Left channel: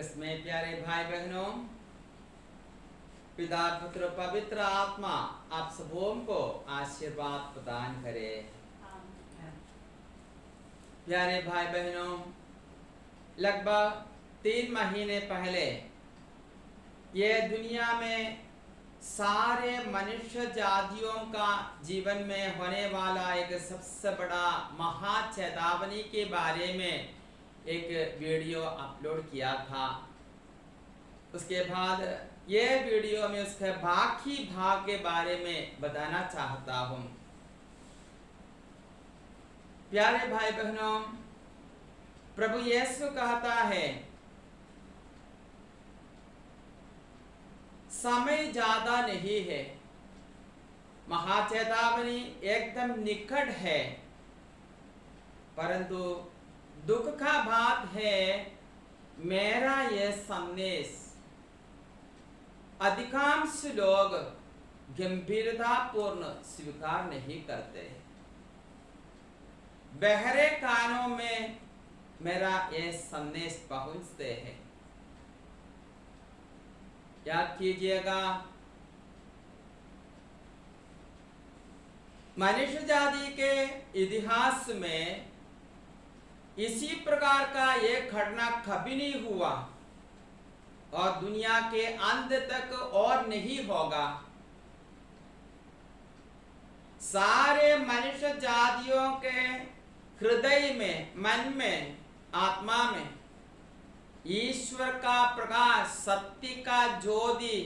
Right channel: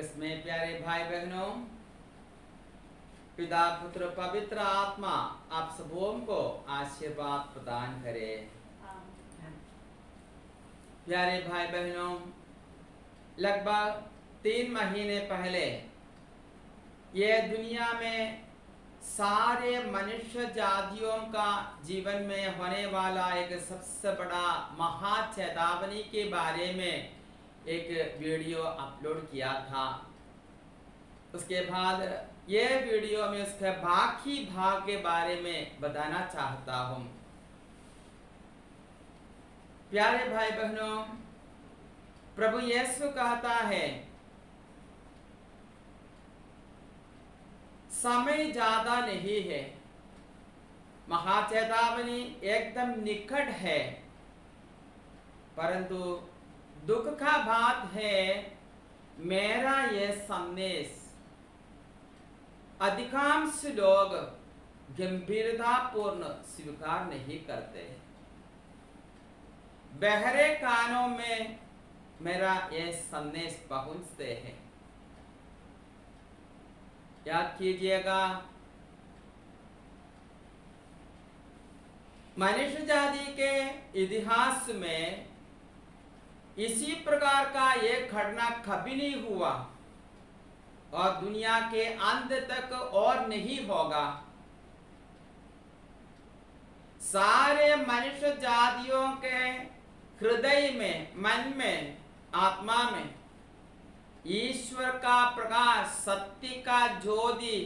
कृष्ण में प्यारे भाई बहनों, पिता पुत्र पवित्र आत्मा आप सबों को आशीर्वाद प्रदान करे। प्यारे भाई बहनों, लगभग 3 महीने पहले ये दुनिया में सारे मनुष्य जातियों का जीवन में होने वाला एक सबसे बड़ा महाचेतावनी के बारे में एक वीडियो अपलोड किया था। उसके बाद ये वीडियो में उसके बाकी भाग के बारे में बताना चाहता हूँ। प्यारे भाई बहनों, प्रभु यीशु कहता है समय ज्यादा नहीं है, महाचेतावनी एकदम निकट है, परंतु दुख का बात है मेरा यह संदेश अधिकांश लोग गंभीरतापूर्ण स्वीकार नहीं करते। बहरे कानों में मेरा यह संदेश पहुंचते हैं। याद कीजिएगा, मनुष्य जाति के इतिहास में इसी प्रकार का एक घटना कभी नहीं हुआ और दुनिया के अंत तक और नहीं होगा। सारे मनुष्य जातियों के हृदय में, मन में, आत्मा में ईश्वर का प्रकाश, सत्य का ज्योति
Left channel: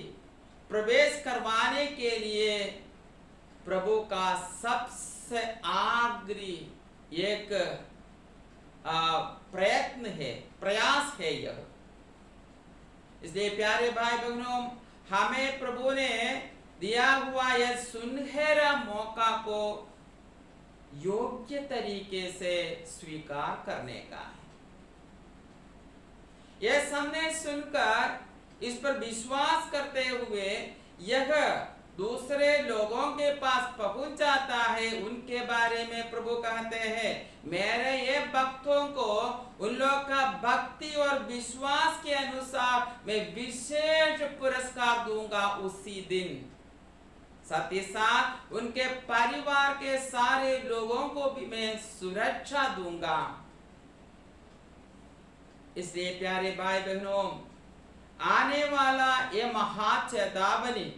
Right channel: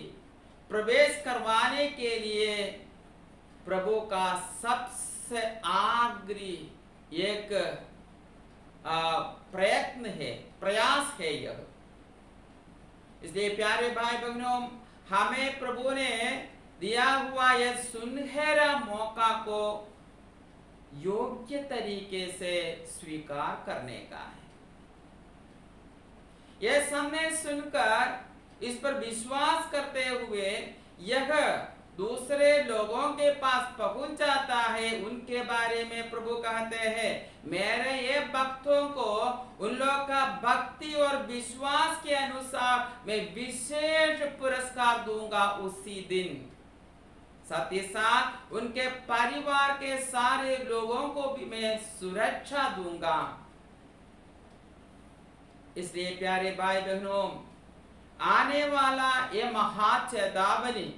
प्रवेश करवाने के लिए प्रभु का सबसे आग्रही एक प्रयत्न है, प्रयास है यह। इसलिए प्यारे भाई बहनों, हमें प्रभु ने दिया हुआ यह सुनहरा मौका को योग्य तरीके से स्वीकार करने का है। यह संदेश सुनकर इस पर विश्वास करते हुए यह दूसरे लोगों के पास पहुंच जाता है। उनके बारे में प्रभु कहते हैं, मेरे ये भक्तों को उन लोग का भक्ति और विश्वास के अनुसार मैं विशेष पुरस्कार दूंगा उसी दिन। साथ ही साथ उनके परिवार के सारे लोगों को भी मैं सुरक्षा दूंगा। इसलिए प्यारे भाई बहनों, आने वाला ये महाचेतावनी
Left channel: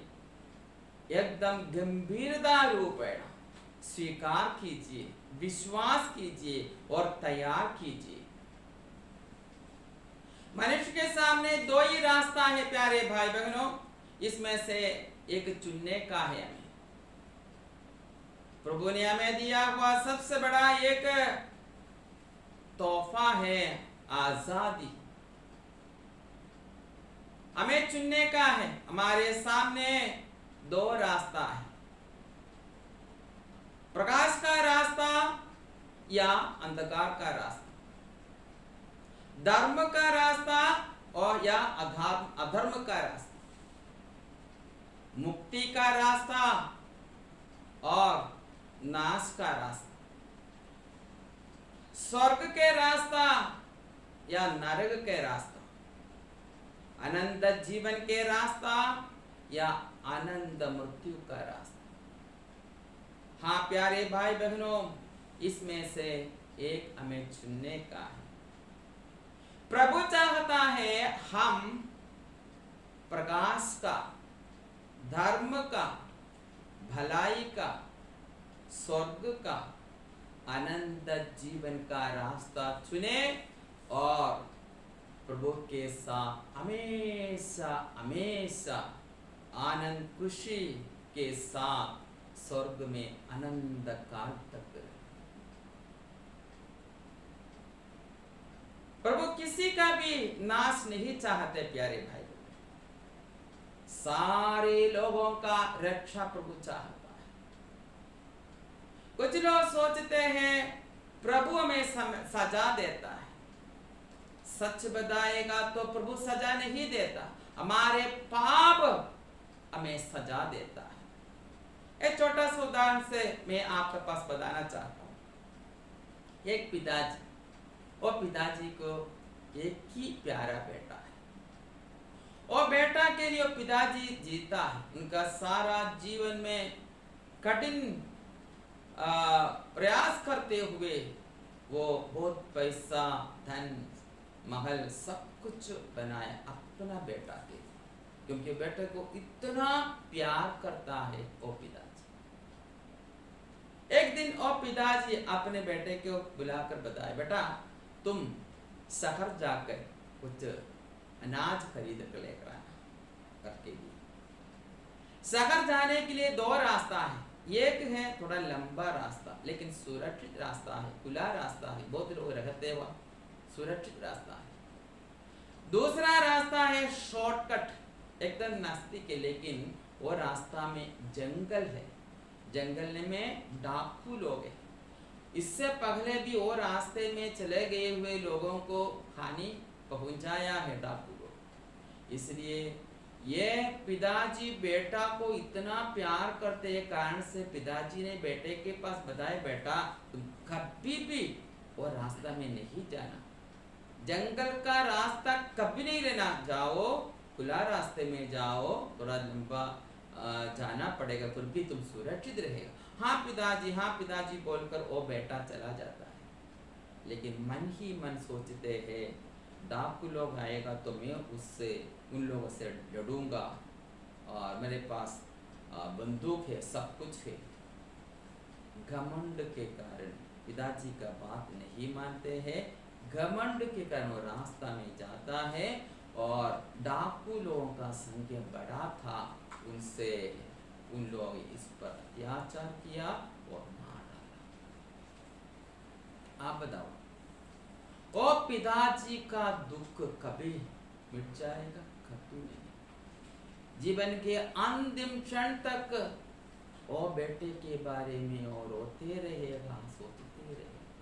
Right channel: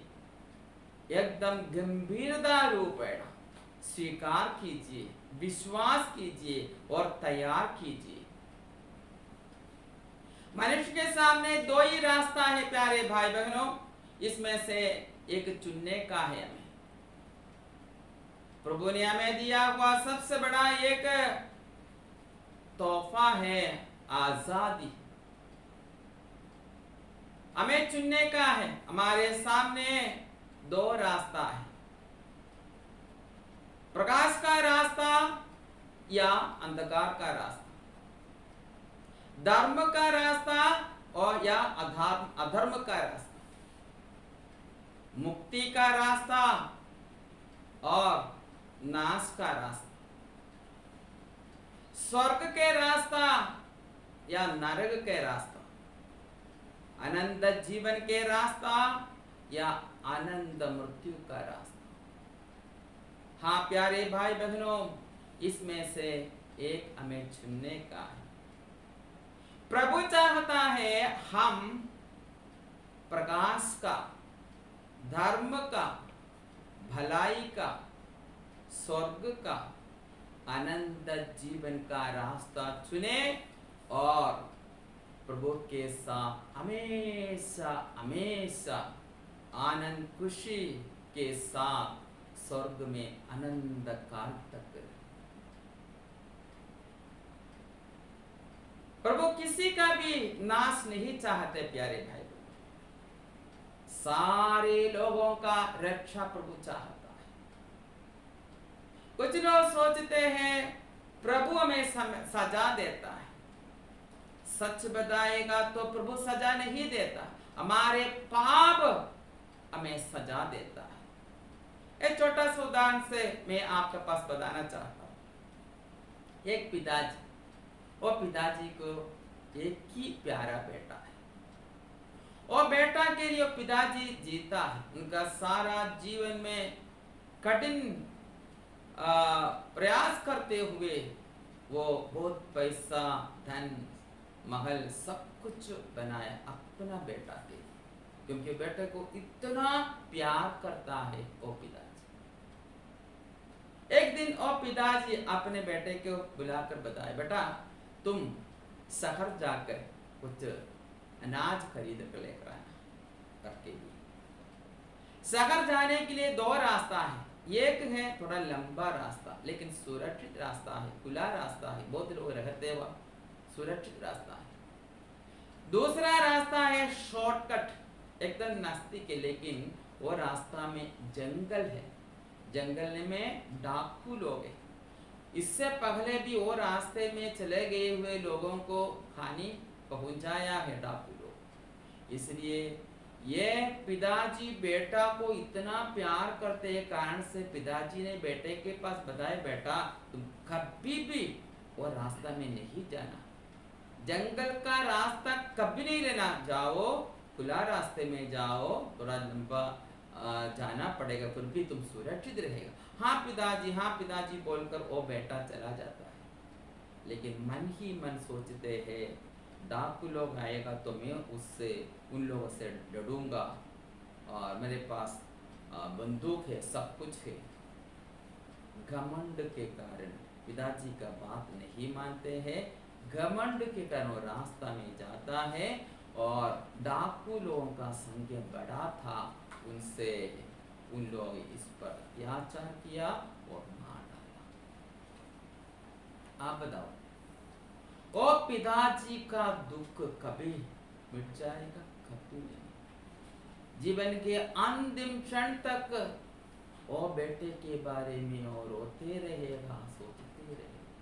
एकदम गंभीरता रूपेण स्वीकार कीजिए, विश्वास कीजिए और तैयार कीजिए। मनुष्य के सामने 2 ही रास्ता है प्यारे भाई बहनों, इसमें से एक चुनने का है हमें। प्रभु ने हमें दिया हुआ सबसे बड़ा एक तोहफा है आजादी। हमें चुनने का है। हमारे सामने 2 रास्ता है, प्रकाश का रास्ता या अंधकार का रास्ता, धर्म का रास्ता और या अधर्म का रास्ता, मुक्ति का रास्ता और नाश का रास्ता, स्वर्ग के रास्ता या नरक के रास्ता, अनंत जीवन के रास्ता या आनंद मृत्यु का रास्ता। हाँ प्यारे भाई बहनों, इसमें से एक हमें चुनने का है। प्रभु चाहता है हम प्रकाश का, धर्म का, भलाई का, स्वर्ग का, अनंत जीवन का रास्ता चुने और प्रभु के साथ हमेशा हमेशा आनंद खुशी के साथ स्वर्ग में अनंत काल तक रहे। प्रभु किसी का भी नाश नहीं चाहते प्यारे भाई। सारे लोगों का रक्षा प्रभु चाहता है। कुछ लोग सोचते हैं प्रभु हमें सजा देता है। सच बताएगा तो प्रभु सजा नहीं देता, हमारे पाप हमें सजा देता है। एक छोटा सा उदाहरण से मैं आपके पास बताना चाहता हूं। एक पिताजी, और पिताजी को एक ही प्यारा बेटा है। और बेटा के लिए पिताजी जीता है। उनका सारा जीवन में कठिन प्रयास करते हुए वो बहुत पैसा, धन, महल सब कुछ बनाया अपना बेटा के, क्योंकि बेटे को इतना प्यार करता है वो पिताजी। एक दिन वो पिताजी अपने बेटे को बुलाकर बताए, बेटा तुम शहर जाकर कुछ अनाज खरीद कर लेकर आना करके लिए। शहर जाने के लिए दो रास्ता है, एक है थोड़ा लंबा रास्ता लेकिन सुरक्षित रास्ता है, खुला रास्ता है, बहुत लोग रहते हुआ सुरक्षित रास्ता है। दूसरा रास्ता है शॉर्टकट, एकदम नजदीक है, लेकिन वो रास्ता में जंगल है, जंगल में डाकू लोग हैं। इससे पहले भी वो रास्ते में चले गए हुए लोगों को हानि पहुंचाया है डाकू लोग। इसलिए ये पिताजी बेटा को इतना प्यार करते हैं कारण से पिताजी ने बेटे के पास बताया, बेटा तुम कभी भी वो रास्ता में नहीं जाना, जंगल का रास्ता कभी नहीं लेना, जाओ खुला रास्ते में जाओ, थोड़ा लंबा जाना पड़ेगा फिर भी तुम सुरक्षित रहेगा। हाँ पिताजी बोलकर वो बेटा चला जाता है। लेकिन मन ही मन सोचते हैं डाकू लोग आएगा तो मैं उससे उन लोगों से लड़ूंगा और मेरे पास बंदूक है, सब कुछ है। घमंड के कारण पिताजी का बात नहीं मानते हैं, घमंड के कारण वो रास्ता में जाता है और डाकू लोगों का संख्या बड़ा था, उनसे उन लोग इस पर अत्याचार किया और मार डाला। आप बताओ ओ पिताजी का दुख कभी मिट जाएगा? कभी नहीं। जीवन के अंतिम क्षण तक ओ बेटे के बारे में और रोते रहेगा, सोचते रहेगा।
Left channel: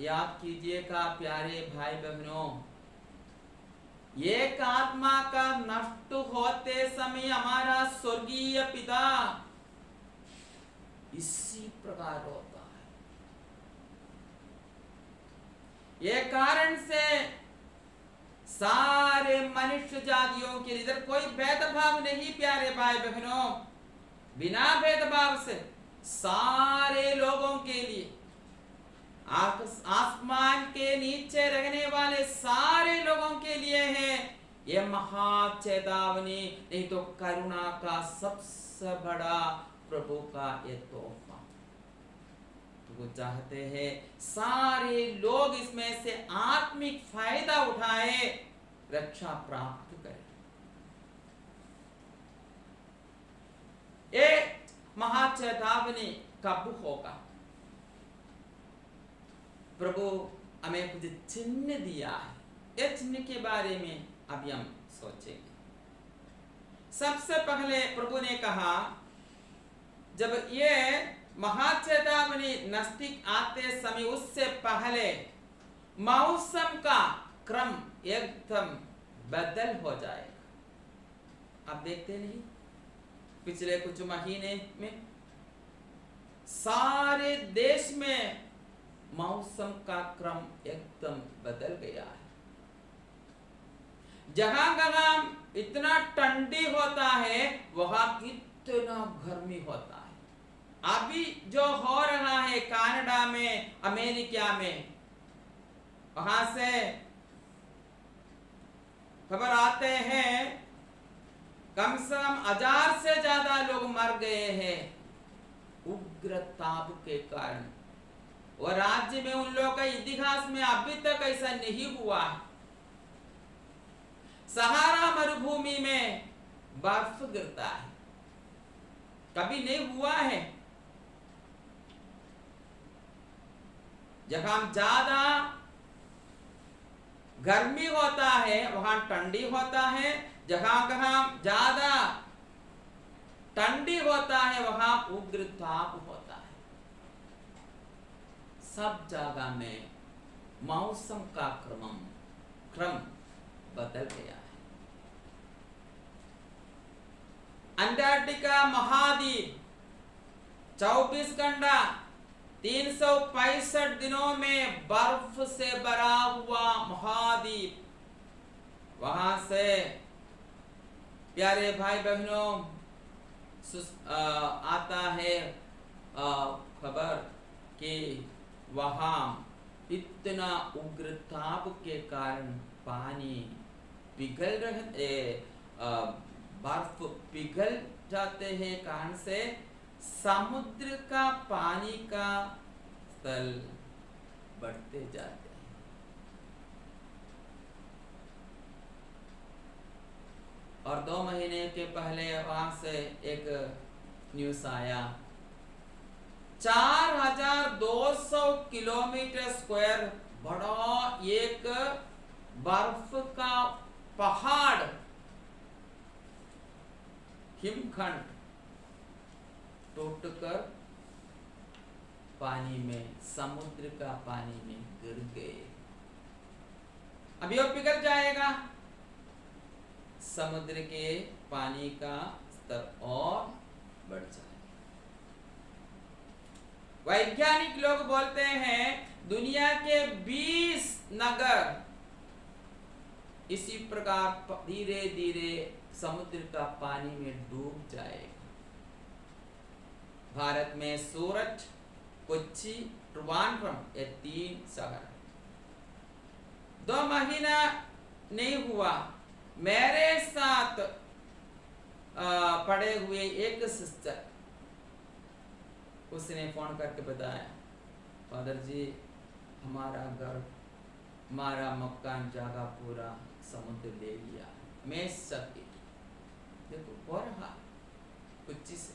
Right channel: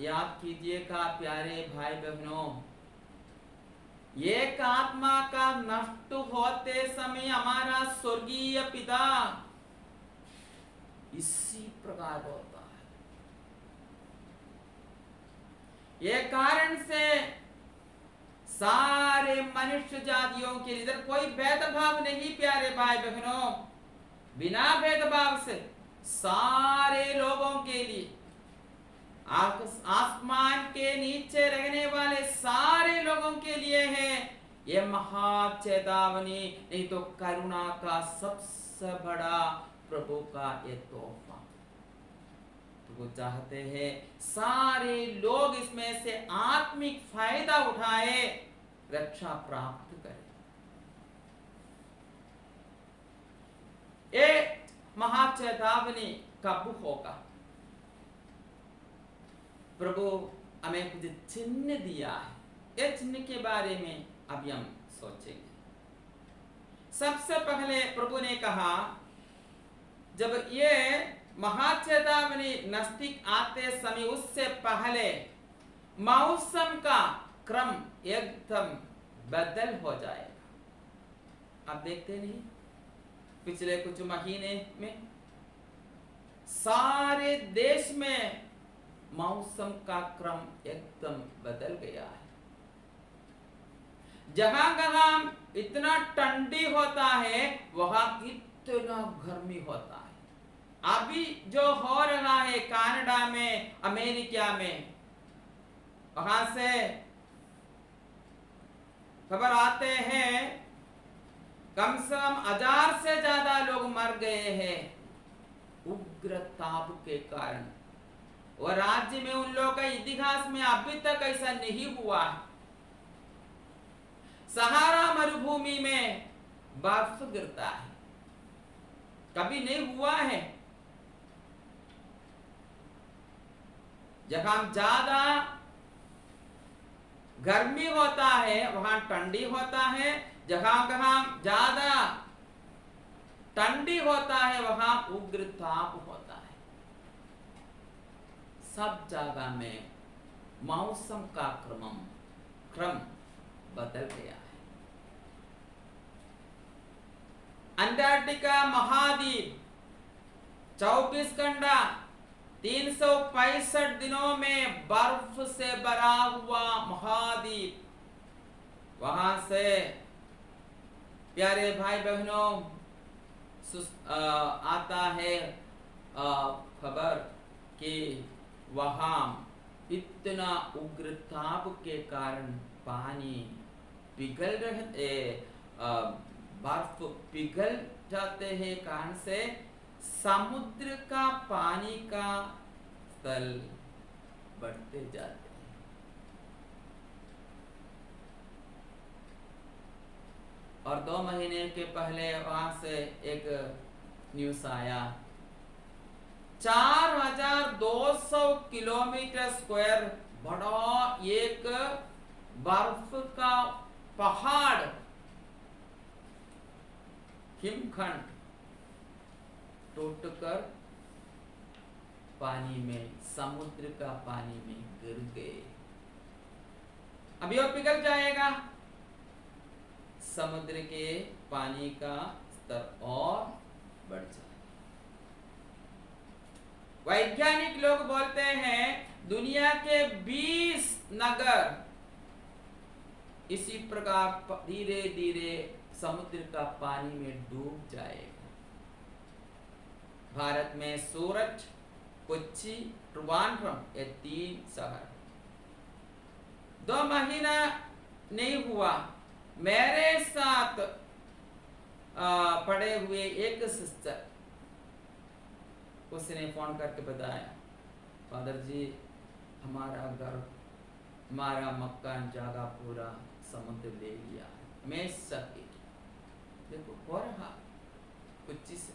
याद कीजिएगा प्यारे भाई बहनों, एक आत्मा का नष्ट होते समय हमारा स्वर्गीय पिता इसी प्रकार होता है। ये कारण से सारे मनुष्य जातियों के लिए इधर कोई भेदभाव नहीं प्यारे भाई बहनों, बिना भेदभाव से सारे लोगों के लिए, आसमान के नीचे रहने वाले सारे लोगों के लिए है ये महा चेतावनी, नहीं तो करुणा का सबसे बड़ा प्रभु का ये तोहफा। तो वो चाहते हैं सारे लोग इसमें से आत्मिक फायदा उठाए, रक्षा प्राप्त करें। ये महा चेतावनी कब होगा? प्रभु हमें कुछ चिन्ह दिया है, ये चिन्ह के बारे में अभी हम सोचेंगे। सबसे पहले प्रभु ने कहा जब ये महाचेतावनी नजदीक आते समय उससे पहले मौसम का क्रम एकदम बदल हो जाएगा। आप देखते नहीं पिछले कुछ महीने में सारे देश में मौसम का क्रम एकदम बदल गया है। जहां इतना ठंडी होता है वहां इतना गर्मी होता है। अभी जो हो रहा है कनाडा में, अमेरिका में, वहां से खबर आते हैं कम से कम 1000 से ज्यादा लोग मर गए हैं उग्र ताप के कारण। और राज्य में उन लोगों का इतिहास में अभी तक ऐसा नहीं हुआ है। सहारा मरुभूमि में बर्फ गिरता है, कभी नहीं हुआ है। जहां ज्यादा गर्मी होता है वहां ठंडी होता है, जहां ज्यादा ठंडी होता है वहां उग्र ताप होता है। सब जगह में मौसम का क्रम बदल गया है। अंटार्कटिका महाद्वीप 24 घंटा 365 दिनों में बर्फ से भरा हुआ महाद्वीप वहां से प्यारे भाई बहनों आता है खबर कि वहां इतना उग्र ताप के कारण पानी पिघल रहे बर्फ पिघल जाते हैं, कारण से समुद्र का पानी का स्तर बढ़ते जाते हैं। और 2 महीने के पहले वहां से एक न्यूज आया, 4200 किलोमीटर स्क्वायर बड़ा एक बर्फ का पहाड़, हिमखंड टूटकर पानी में, समुद्र का पानी में गिर गए। अभी वो पिघल जाएगा, समुद्र के पानी का स्तर और बढ़ जाएगा। वैज्ञानिक लोग बोलते हैं दुनिया के 20 नगर इसी प्रकार धीरे धीरे समुद्र का पानी में डूब जाएगा। भारत में सूरत, कोच्चि, ट्रिवांड्रम, ये 3 शहर। 2 महीना नहीं हुआ, मेरे साथ पड़े हुए एक सिस्टर, उसने फोन करके बताया, फादर जी हमारा घर, हमारा मकान, जगह पूरा समुद्र ले लिया है। मैं सकी देखो हो रहा, कोच्चि से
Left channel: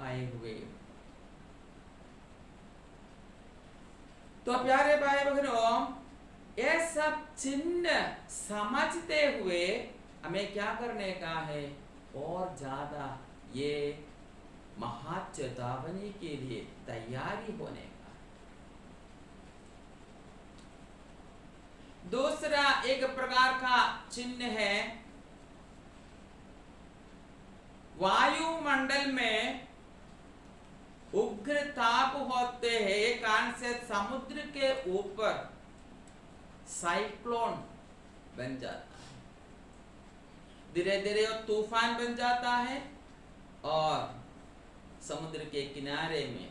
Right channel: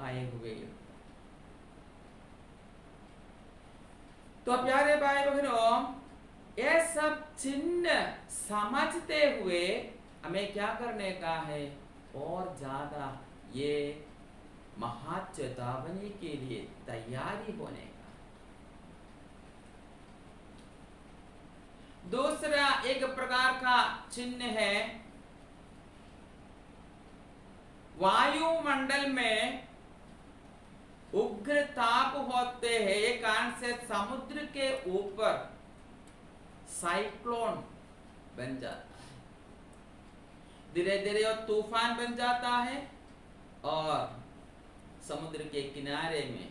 आए हुए। तो प्यारे भाई बहनों, ये सब चिन्ह समझते हुए हमें क्या करने का है, और ज्यादा ये महाचेतावनी के लिए तैयारी होने का। दूसरा एक प्रकार का चिन्ह है, वायुमंडल में उग्र ताप होते हैं, एक कारण से समुद्र के ऊपर साइक्लोन बन जाता है, धीरे धीरे वो तूफान बन जाता है और समुद्र के किनारे में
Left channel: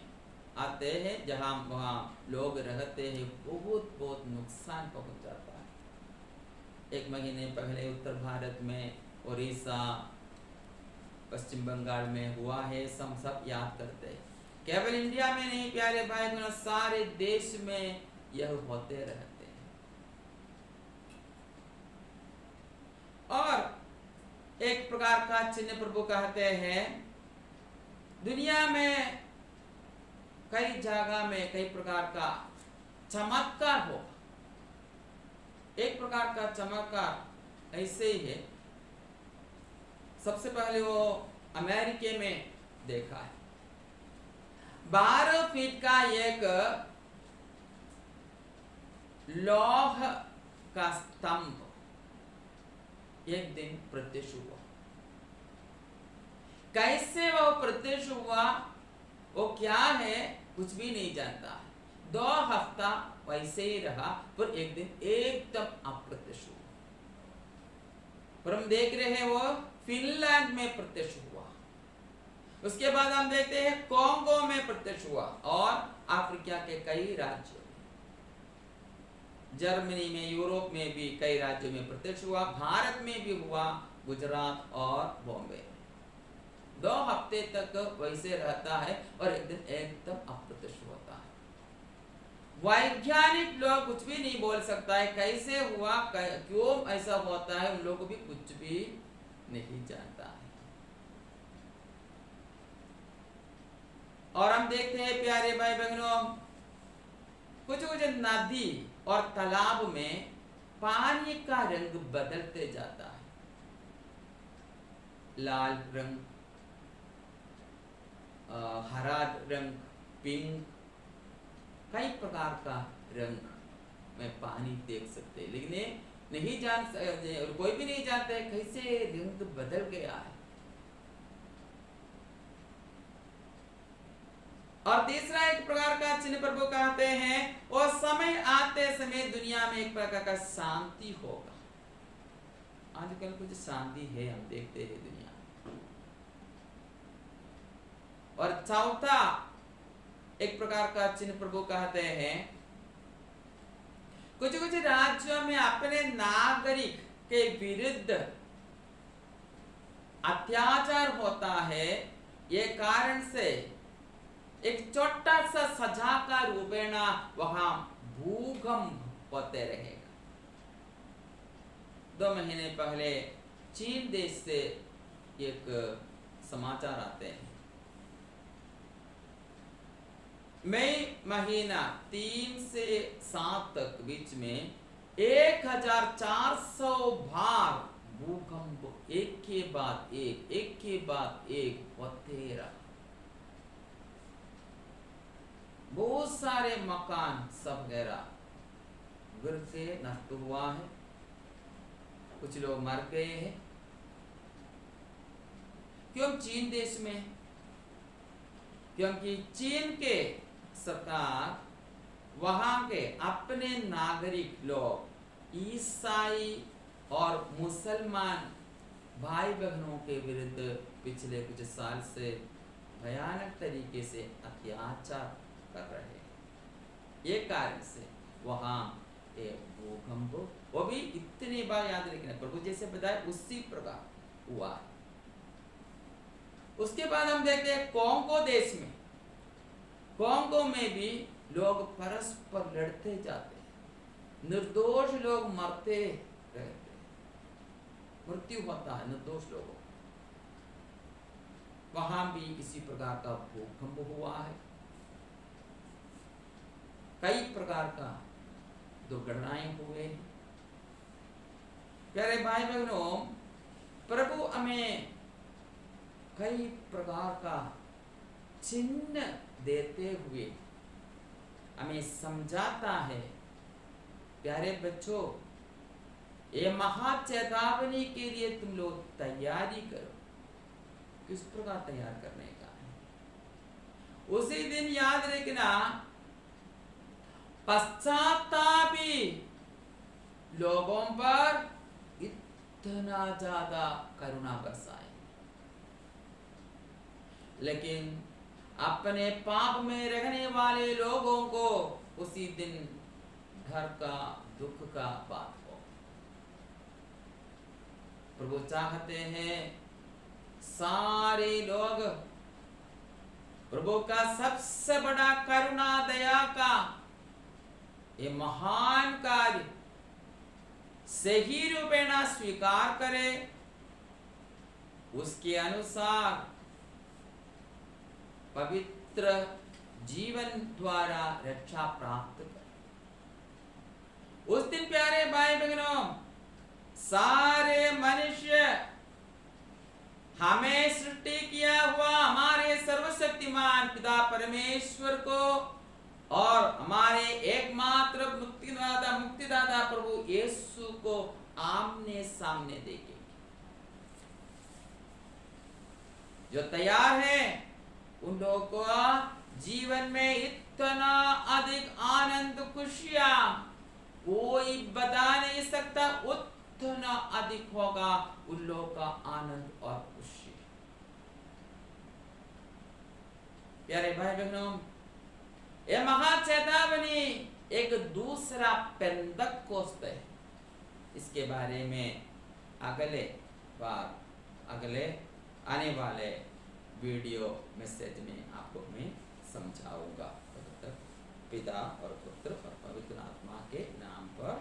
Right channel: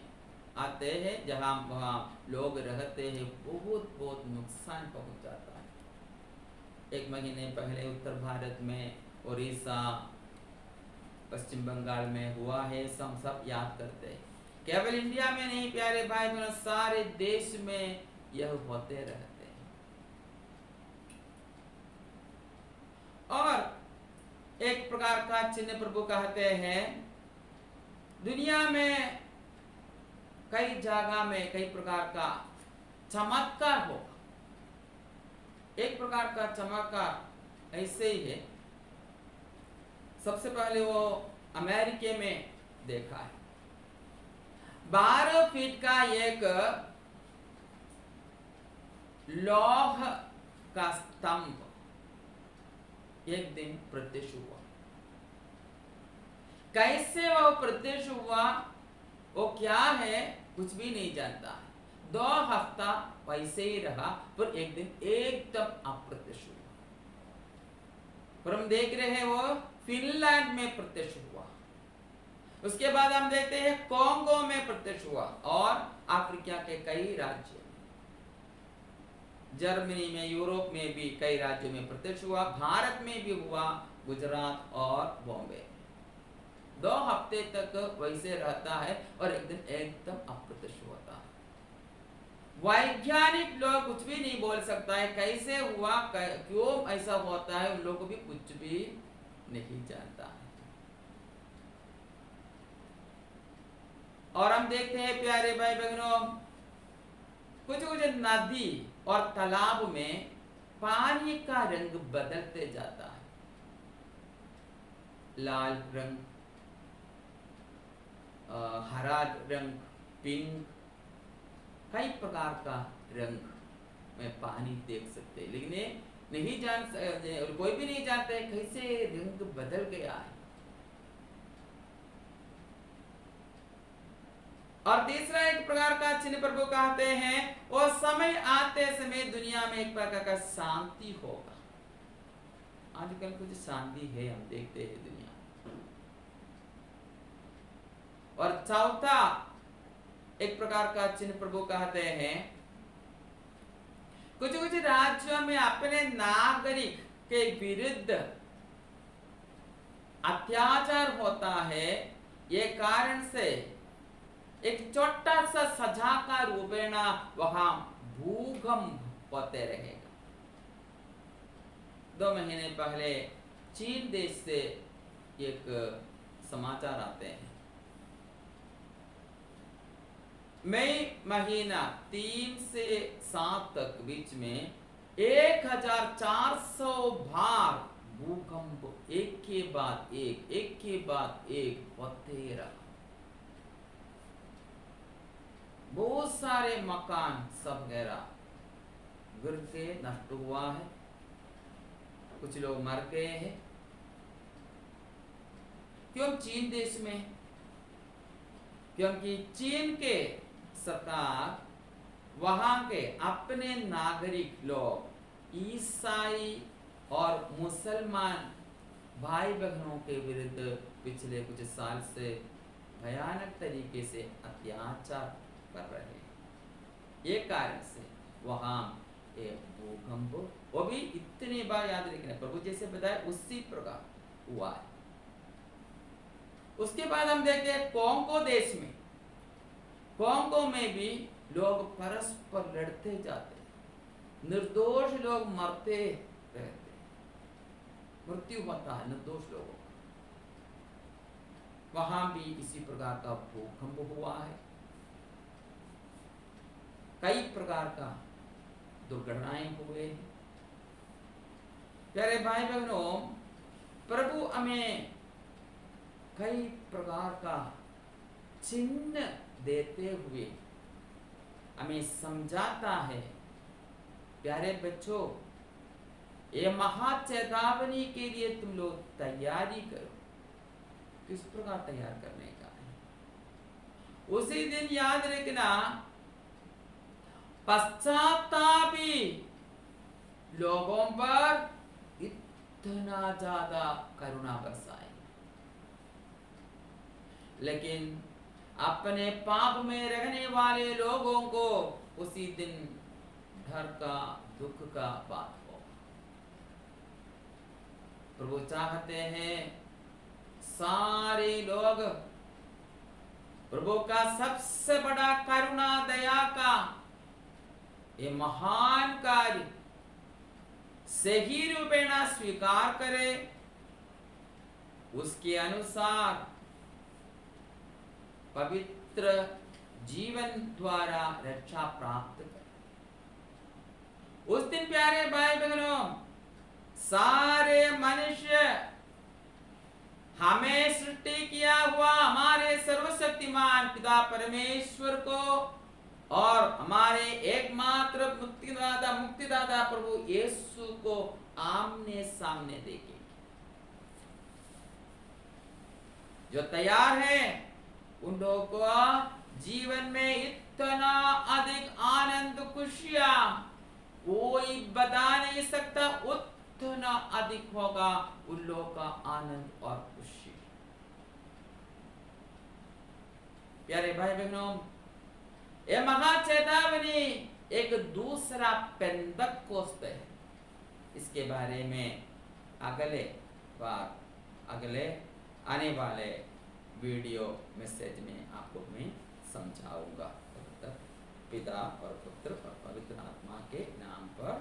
आते हैं, जहां वहां लोग रहते हैं, बहुत बहुत नुकसान पहुंच जाता है। 1 महीने पहले उत्तर भारत में, उड़ीसा, पश्चिम बंगाल में हुआ है, सब याद करते हैं। केवल इंडिया में नहीं प्यारे भाई बहनों, सारे देश में यह होते रहते हैं। और एक प्रकार का चिन्ह प्रभु कहते हैं, दुनिया में कई जगह में कई प्रकार का चमत्कार होगा। एक प्रकार का चमत्कार ऐसे ही है, सबसे पहले वो अमेरिका में देखा है। 12 फीट का एक लौह का स्तंभ एक दिन प्रत्यक्ष हुआ। कैसे वह प्रत्यक्ष हुआ, वो क्या है कुछ भी नहीं जानता है। 2 हफ्ता वैसे ही रहा, पर एक दिन एकदम अप्रत्यक्ष हुआ। पर हम देख रहे हैं वो फिनलैंड में प्रत्यक्ष हुआ, उसके बाद हम देखते हैं कोंगो में प्रत्यक्ष हुआ, और अफ्रीका के कई राज्यों में, जर्मनी में, यूरोप में भी कई राज्यों में प्रत्यक्ष हुआ, भारत में भी हुआ, गुजरात और बॉम्बे में। 2 हफ्ते तक वैसे रहता है और एक दिन एकदम अप्रत्यक्ष होता है। वैज्ञानिक लोग कुछ भी नहीं बोल सकता है कैसे हुआ, क्यों ऐसा होता है, उन लोगों को भी कुछ भी नहीं जानता है। और हम देखते हैं प्यारे भाई बहनों, कुछ कुछ नदी और तालाब में पानी का रंग बदलते जाता है, लाल रंग, हरा रंग, पिंक, कई प्रकार का रंग में पानी देख सकते हैं, लेकिन ये नहीं जान, कोई भी नहीं जानता है कैसे रंग बदल गया है। और तीसरा एक प्रकार का चिन्ह प्रभु कहते हैं, वो समय आते समय दुनिया में एक प्रकार का शांति होगा। आजकल कुछ शांति है, हम देखते हैं दुनिया। और चौथा एक प्रकार का चिन्ह प्रभु कहते हैं, कुछ कुछ राज्यों में अपने नागरिक के विरुद्ध अत्याचार होता है, ये कारण से एक छोटा सा सजा का रूपेण वहां भूकंप होते रहेगा। 2 महीने पहले चीन देश से एक समाचार आते हैं, मई महीना 3 से 7 तक बीच में 1400 बार भूकंप एक के बाद एक होते रहा। बहुत सारे मकान सब गिर के नष्ट हुआ है, कुछ लोग मर गए हैं। क्यों चीन देश में? क्योंकि चीन के सरकार वहां के अपने नागरिक लोग ईसाई और मुसलमान भाई बहनों के विरुद्ध पिछले कुछ साल से भयानक तरीके से अत्याचार कर रहे हैं। ये कारण से वहां एक भूकंप, वो भी इतनी बार याद रखना, प्रभु जैसे बताए उसी प्रकार हुआ है। उसके बाद हम देखते हैं कोंगो देश में, कोंगो में भी लोग परस्पर लड़ते जाते हैं, निर्दोष लोग मरते रहते हैं, मृत्यु होता है निर्दोष लोगों का। वहां भी इसी प्रकार का भूकंप हुआ है, कई प्रकार का दुर्घटनाएं हुए हैं। प्यारे भाई बहनों, प्रभु हमें कई प्रकार का चिन्ह देते हुए हमें समझाता है, प्यारे बच्चों, ये महा चेतावनी के लिए तुम लोग तैयारी करो। किस प्रकार तैयार करने का है? उसी दिन याद रखना, पश्चातापी लोगों पर इतना ज्यादा करुणा बरसाए, लेकिन अपने पाप में रहने वाले लोगों को उसी दिन डर का, दुख का बात हो। प्रभु चाहते हैं सारे लोग प्रभु का सबसे बड़ा करुणा दया का ये महान कार्य सही रूपेण स्वीकार करे, उसके अनुसार पवित्र जीवन द्वारा रक्षा प्राप्त करे। उस दिन प्यारे भाई बहनों, सारे मनुष्य हमें सृष्टि किया हुआ हमारे सर्वशक्तिमान पिता परमेश्वर को और हमारे एकमात्र मुक्तिदाता प्रभु यीशु को आमने सामने देखेंगे। जो तैयार है उन लोगों को जीवन में इतना अधिक आनंद, खुशियां कोई बता नहीं सकता, उतना अधिक होगा उन लोगों का आनंद और खुशी। प्यारे भाई बहनों, ये महाचेतावनी एक दूसरा पेंतकोस्त है। इसके बारे में अगले आने वाले वीडियो मैसेज में आपको मैं समझाऊंगा। तब तक पिता और पुत्र और पवित्र आत्मा के नाम पर